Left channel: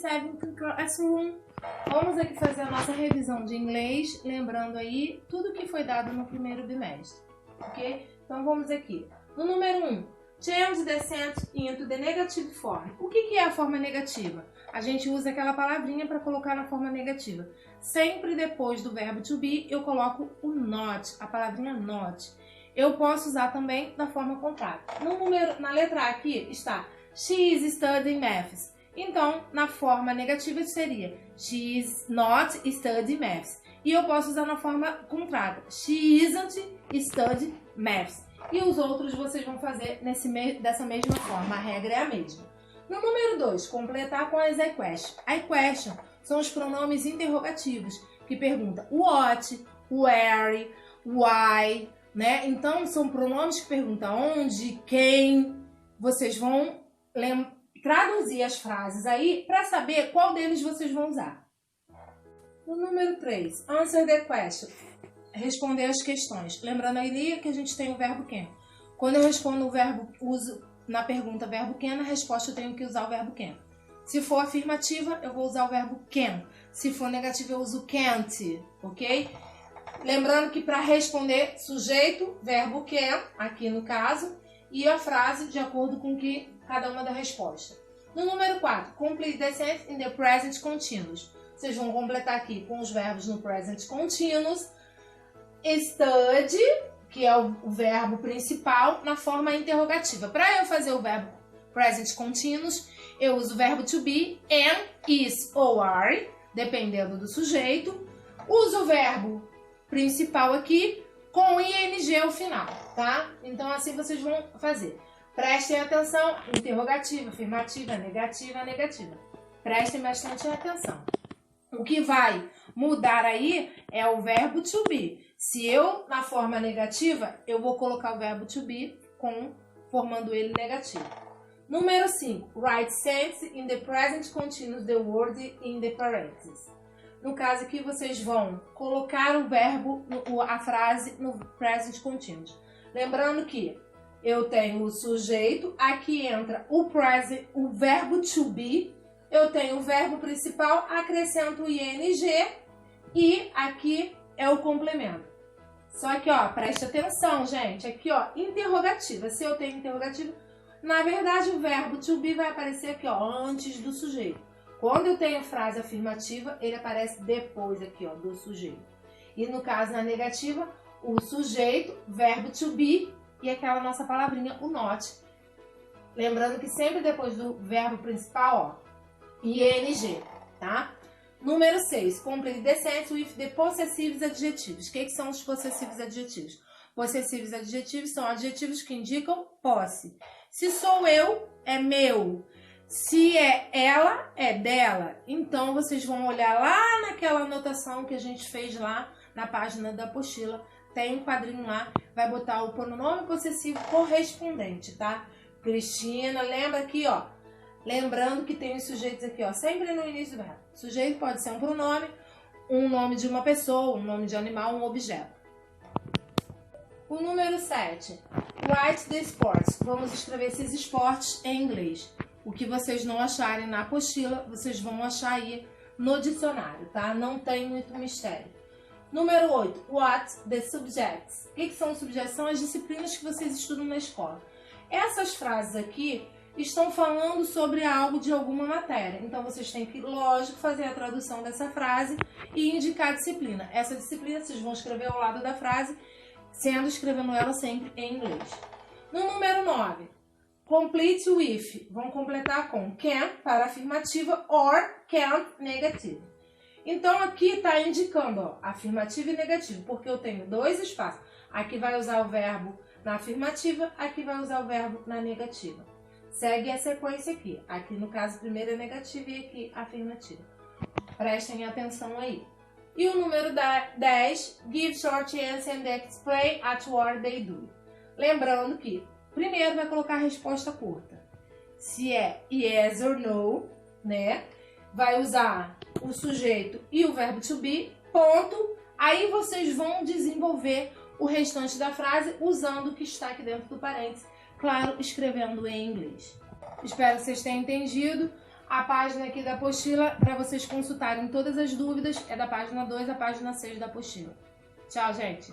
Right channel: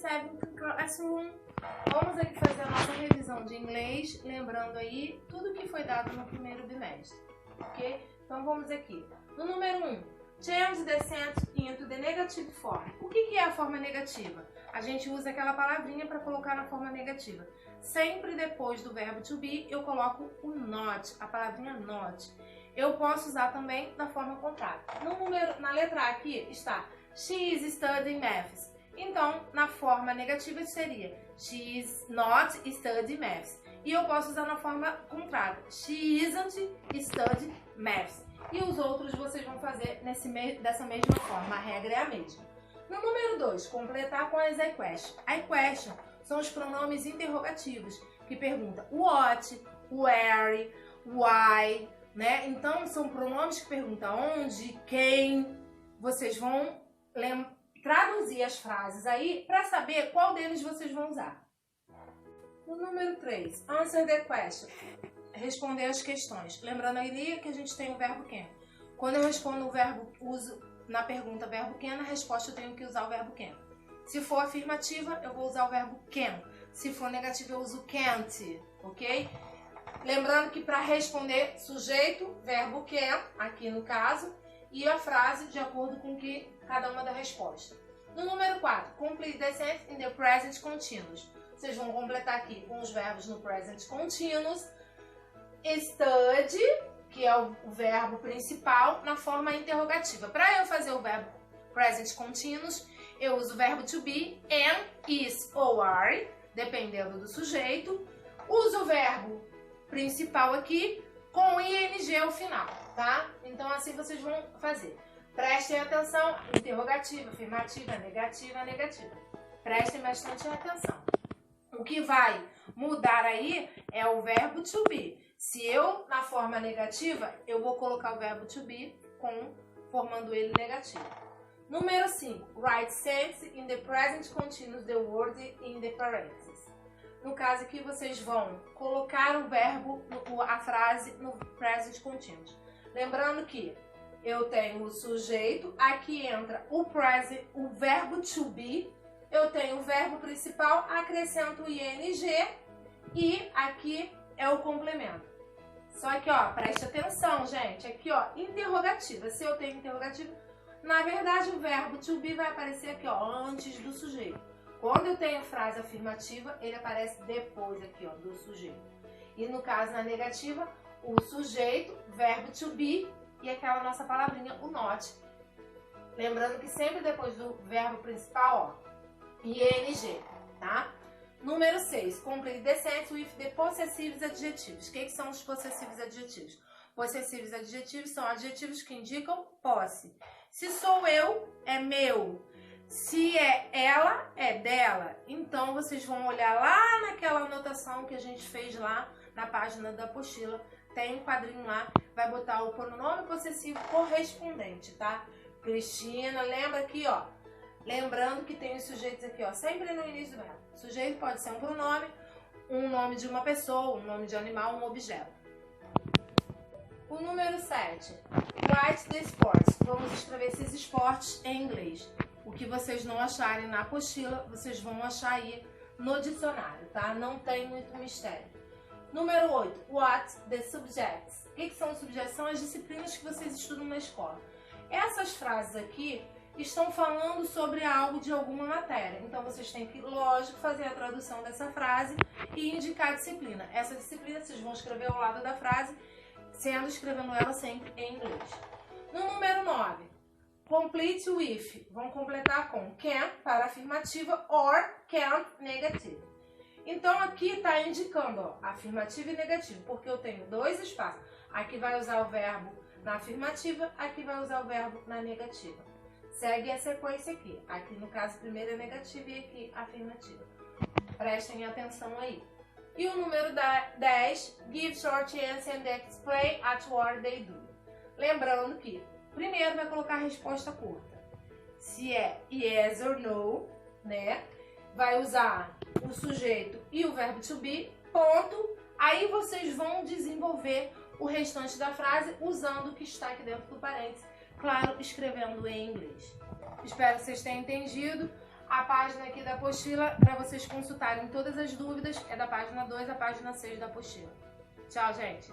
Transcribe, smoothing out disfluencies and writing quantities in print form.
7th Classroom. Vamos aqui fazer a nossa revisão de inglês, lembrando aí tudo que foi dado no primeiro bimestre, ok? Então vamos aqui. No número 1, change the sentence into the negative form. O que é a forma negativa? A gente usa aquela palavrinha para colocar na forma negativa. Sempre depois do verbo to be, eu coloco o not, a palavrinha not. Eu posso usar também da forma contrária. Na letra A aqui está she is studying maths. Então, na forma negativa seria she is not studying maths. E eu posso usar na forma contrária. She isn't studying maths. E os outros vocês vão fazer dessa mesma forma. A regra é a mesma. No número 2, completar com as I question. I question são os pronomes interrogativos que perguntam what, where, why, né? Então, são pronomes que perguntam onde, quem. Vocês vão traduzir as frases aí para saber qual deles vocês vão usar. No número 3, answer the question. Responder as questões. Lembrando aí que a gente tem o verbo can. Quando eu respondo o verbo, uso na pergunta verbo can, na resposta eu tenho que usar o verbo can. Se for afirmativa, eu vou usar o verbo can. Se for negativa, eu uso can't, ok? Lembrando que para responder, sujeito, verbo can, aqui no caso, e a frase de acordo com que cada uma da resposta. No número 4, complete the sentence in the present continuous. Vocês vão completar aqui com os verbos no present continuous. Study, que é o verbo principal, na forma interrogativa. Para eu fazer o verbo present continuous, eu uso o verbo to be, am, is ou are, dependendo do sujeito. Uso o verbo principal aqui com ing ao final, tá? Então assim vocês vão fazer. Prestem atenção, interrogativa, afirmativa, negativa, negativa. Prestem bastante atenção. O que vai mudar aí é o verbo to be. Se eu, na forma negativa, eu vou colocar o verbo to be formando ele negativo. Número 5. Write sentence in the present continuous, the word in the parentheses. No caso aqui, vocês vão colocar o verbo, a frase no present continuous. Lembrando que eu tenho o sujeito, aqui entra o verbo to be, eu tenho o verbo principal, acrescento o ing e aqui é o complemento. Só que, ó, preste atenção, gente. Aqui, ó, interrogativa. Se eu tenho interrogativa, na verdade o verbo to be vai aparecer aqui, ó, antes do sujeito. Quando eu tenho frase afirmativa, ele aparece depois aqui, ó, do sujeito. E no caso, na negativa, o sujeito, verbo to be e aquela nossa palavrinha, o not. Lembrando que sempre depois do verbo principal, ó, ing, tá? Número 6. Complete the sentence with the possessivos adjetivos. O que são os possessivos adjetivos? Possessivos adjetivos são adjetivos que indicam posse. Se sou eu, é meu. Se é ela, é dela. Então, vocês vão olhar lá naquela anotação que a gente fez lá na página da apostila. Tem um quadrinho lá, vai botar o pronome possessivo correspondente, tá? Cristina, lembra aqui, ó. Lembrando que tem os sujeitos aqui, ó, sempre no início do verbo. Sujeito pode ser um pronome, um nome de uma pessoa, um nome de animal, um objeto. O número 7. Write the sports. Vamos escrever esses esportes em inglês. O que vocês não acharem na apostila, vocês vão achar aí no dicionário, tá? Não tem muito mistério. Número 8. What the subjects. O que são os subjectos? São as disciplinas que vocês estudam na escola. Essas frases aqui estão falando sobre algo de alguma matéria. Então, vocês têm que, lógico, fazer a tradução dessa frase e indicar a disciplina. Essa disciplina vocês vão escrever ao lado da frase, escrevendo ela sempre em inglês. No número 9, complete with. Vão completar com can para afirmativa or can't negativa. Então, aqui está indicando, ó, afirmativa e negativa, porque eu tenho dois espaços. Aqui vai usar o verbo na afirmativa, aqui vai usar o verbo na negativa. Segue a sequência aqui. Aqui, no caso, primeiro é negativa e aqui afirmativa. Prestem atenção aí. E o número 10, give short answer and explain at what they do. Lembrando que primeiro vai colocar a resposta curta. Se é yes or no, né? Vai usar o sujeito e o verbo to be, ponto. Aí vocês vão desenvolver o restante da frase usando o que está aqui dentro do parênteses. Claro, escrevendo em inglês. Espero que vocês tenham entendido. A página aqui da apostila, para vocês consultarem todas as dúvidas, é da página 2 à página 6 da apostila. Tchau, gente!